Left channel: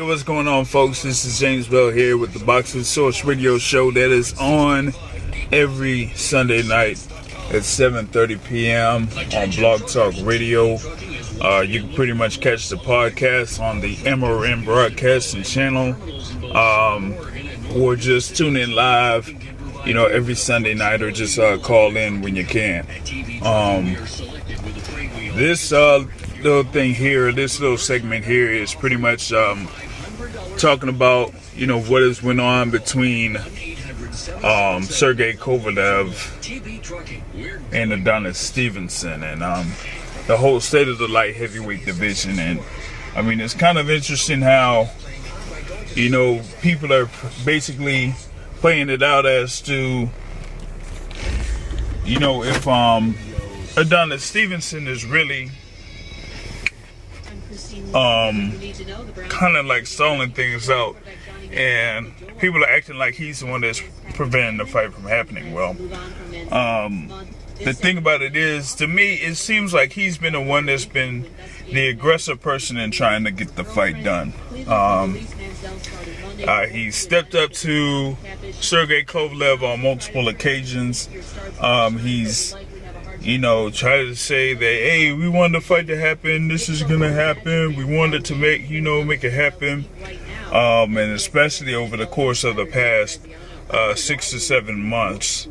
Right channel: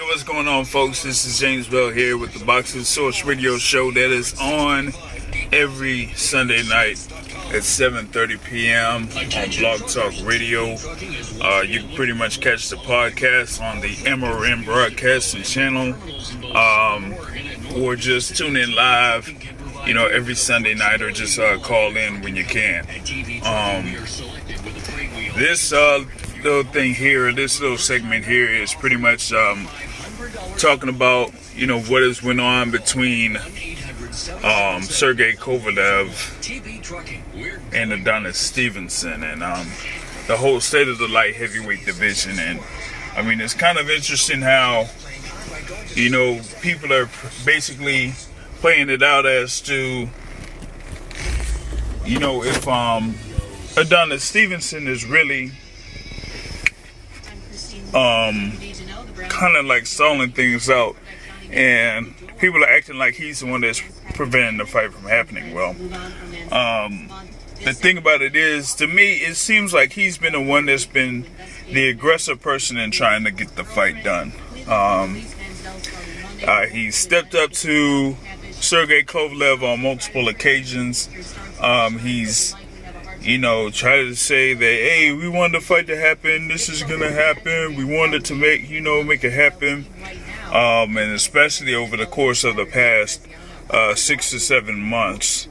Yo, what's going on, folks? This is James Bell here with the Boxing Source Radio Show that is on every Sunday night at 7:30 p.m. on Blog Talk Radio. You can pretty much catch the podcast on the MRN Broadcasting Channel, or just tune in live, every Sunday night, or just call in when you can. This little thing here, this little segment here is pretty much talking about, what has went on between Sergey Kovalev and Adonis Stevenson, and the whole state of the light heavyweight division. And I mean, it's kind of interesting how, people are basically playing it out as to, if Adonis Stevenson is really kind of like stalling things out, and people are acting like he's the one that's preventing the fight from happening. Well, the thing about it is, to me, it seems like he's been the one that's been the aggressive person in trying to get the fight done. He stepped up to Sergey Kovalev on multiple occasions. He's try to say that, hey, we wanted the fight to happen, this is gonna happen, we wanted to make it happen, and especially over the course of the past 6 to 7 months,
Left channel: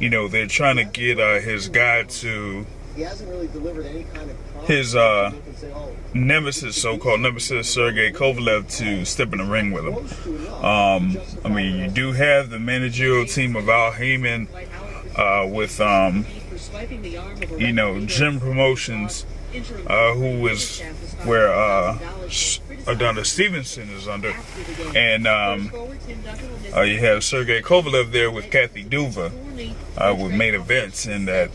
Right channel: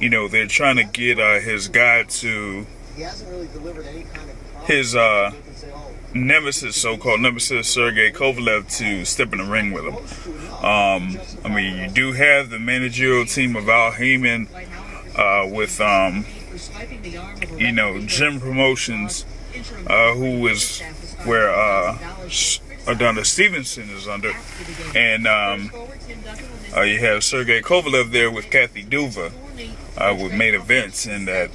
they're trying to get his guy to his nemesis, so-called nemesis, Sergey Kovalev, to step in the ring with him. I mean, you do have the managerial team of Al Heyman with Gym Promotions, who is where Adonis Stevenson is under, and you have Sergey Kovalev there with Kathy Duva, with Main Events, and that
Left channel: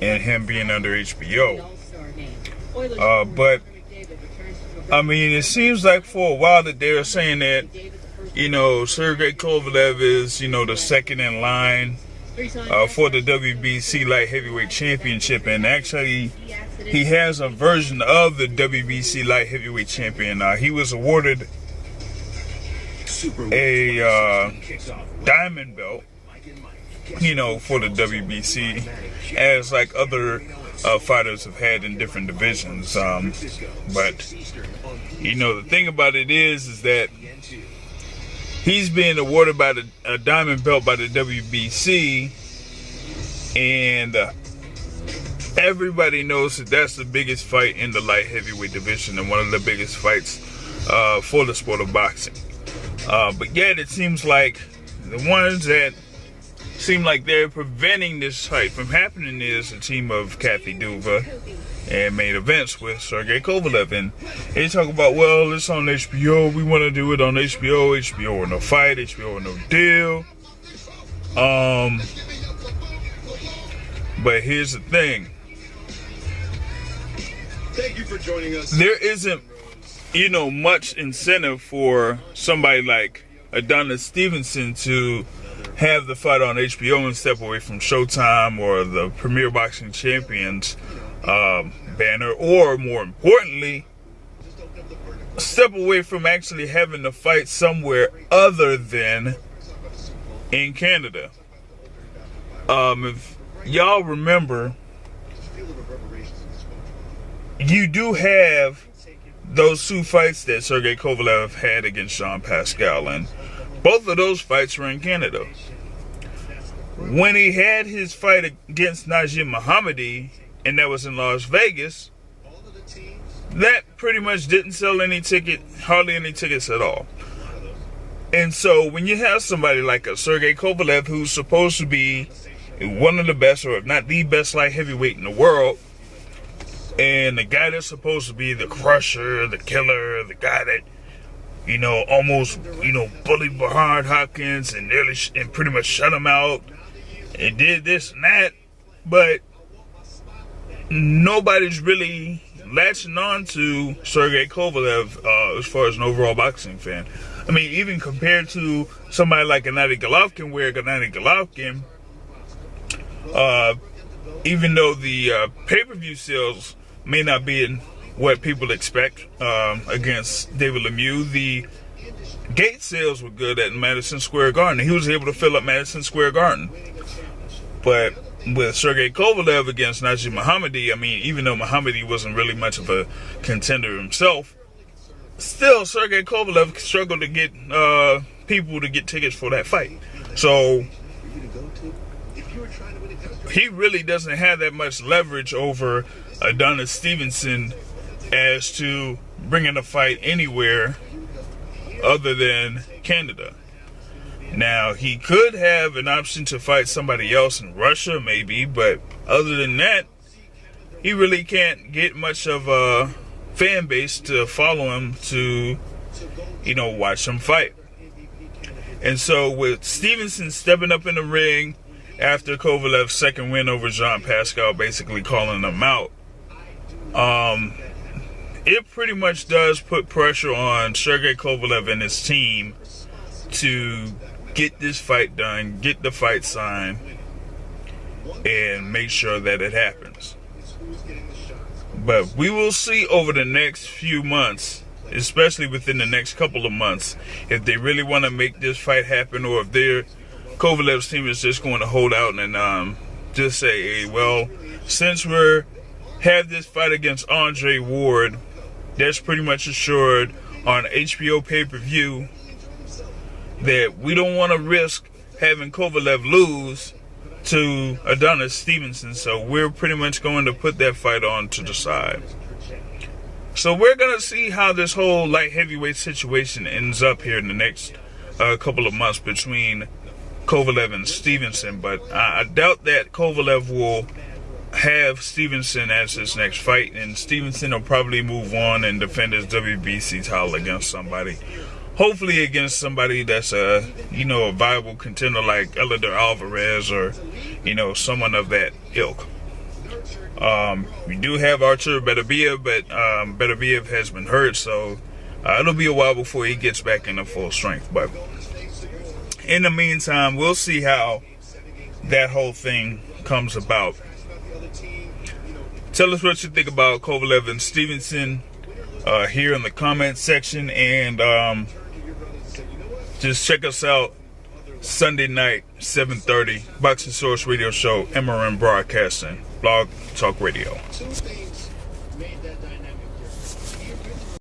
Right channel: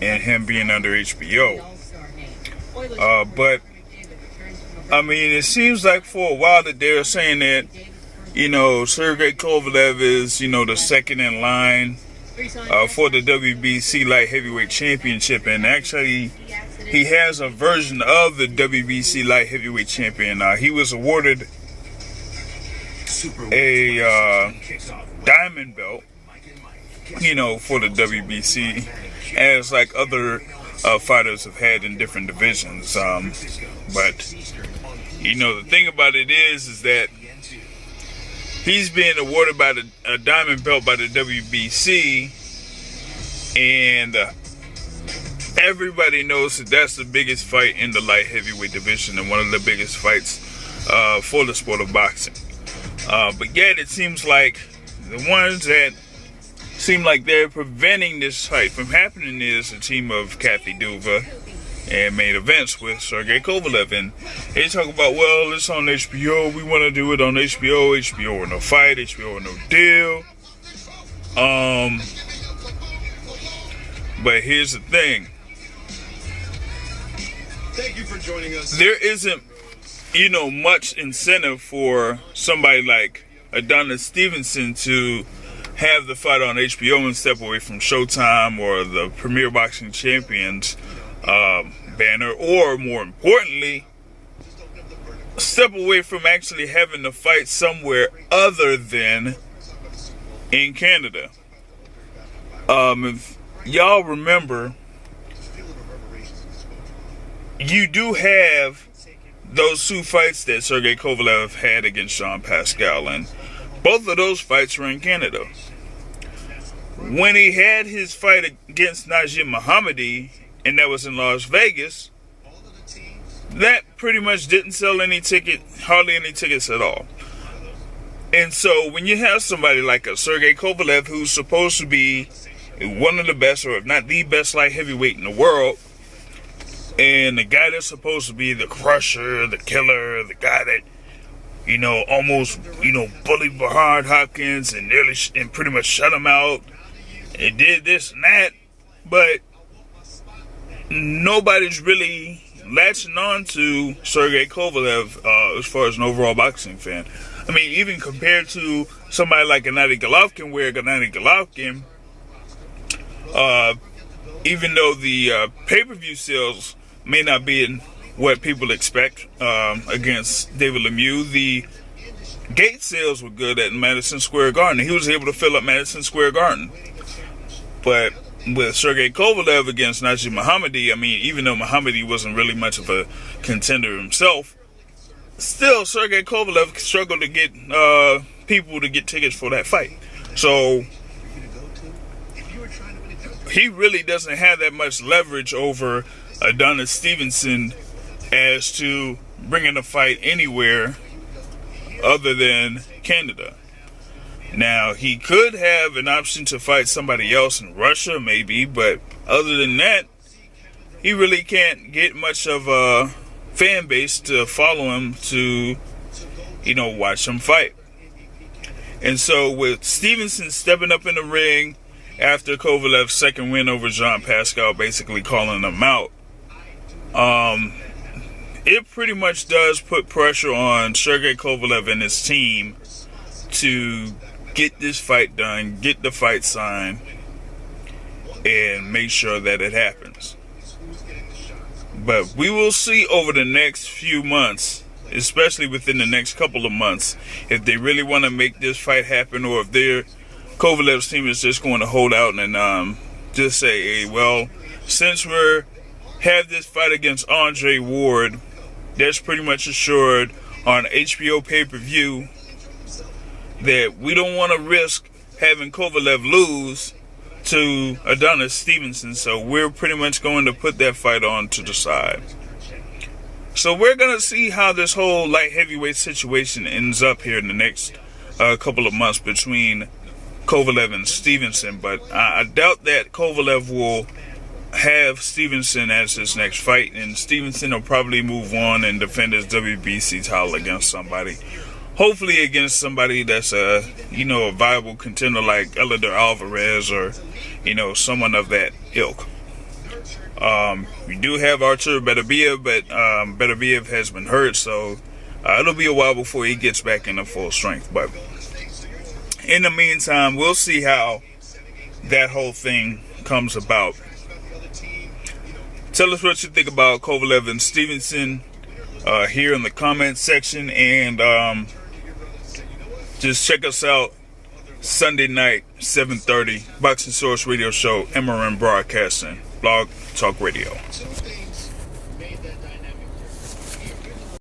and him being under HBO. But I mean, it seems like for a while that they're saying that Sergey Kovalev is the second in line for the WBC Light Heavyweight Championship, and actually he has a version of the WBC Light Heavyweight Champion. He was awarded a diamond belt, for the WBC, as like other fighters have had in different divisions. But the thing about it is that he's being awarded by a diamond belt by the WBC, and everybody knows that that's the biggest fight in the light heavyweight division, and one of the biggest fights for the sport of boxing. But yet it seems like the ones that seem like they're preventing this fight from happening is the team of Kathy Duva and Main Events with Sergey Kovalev. And they talk about, well, it's on HBO, we want to do it on HBO, HBO or no fight, HBO or no deal. But here's the thing. Thank you for joining us. There isn't, much incentive for somebody like Adonis Stevenson to have the fight on HBO and step away from Showtime or the Premier Boxing Champions banner, or more importantly, step away from actually having the fight somewhere other than in Canada. If y'all remember, you do have those two fights that Sergey Kovalev had against Kovalev-Pascal, and both of those fights were in Canada. When he had his fight against Najim Mohammadi, and that was in Las Vegas, that pretty much didn't sell hardly any tickets at all. And so when you have somebody like a Sergey Kovalev, who's supposed to be one of the best, or if not the best light heavyweight in the world, and the guy that's supposed to be the crusher, the killer, the guy that, almost, bullied Bernard Hopkins and pretty much shut him out and did this and that, but nobody's really latching on to Sergey Kovalev as far as an overall boxing fan. I mean, even compared to somebody like Gennady Golovkin, where Gennady Golovkin, even though the pay-per-view sales may not be what people expect against David Lemieux. The gate sales were good at Madison Square Garden. He was able to fill up Madison Square Garden. But with Sergey Kovalev against Najee Mohammadi, I mean, even though Mohammadi wasn't really much of a contender himself, still Sergey Kovalev struggled to get people to get tickets for that fight. So he really doesn't have that much leverage over Adonis Stevenson as to bringing a fight anywhere other than Canada. Now, he could have an option to fight somebody else in Russia, maybe, but other than that, he really can't get much of a fan base to follow him to, watch him fight. And so with Stevenson stepping up in the ring after Kovalev's second win over Jean-Pascal, basically calling him out, it pretty much does put pressure on Sergey Kovalev and his team to get this fight done, get the fight signed, and make sure that it happens. But we will see over the next few months, especially within the next couple of months, if they really want to make this fight happen, or if Kovalev's team is just going to hold out and just say, hey, well, since we have this fight against Andre Ward, that's pretty much assured on HBO pay-per-view, that we don't want to risk having Kovalev lose to Adonis Stevenson, so we're pretty much going to put that fight on to the side. So we're going to see how this whole light heavyweight situation ends up here in the next couple of months between Kovalev and Stevenson, but I doubt that Kovalev will have Stevenson as his next fight, and Stevenson will probably move on and defend his WBC title against somebody. Hopefully against somebody that's a viable contender like Eleider Alvarez or, someone of that ilk. We do have Artur Beterbiev, but Beterbiev has been hurt, so it'll be a while before he gets back into full strength. But in the meantime, we'll see how that whole thing comes about. Tell us what you think about Kovalev and Stevenson here in the comments section, and just check us out Sunday night, 7:30, Boxing Source Radio Show, MRN Broadcasting, Blog Talk Radio.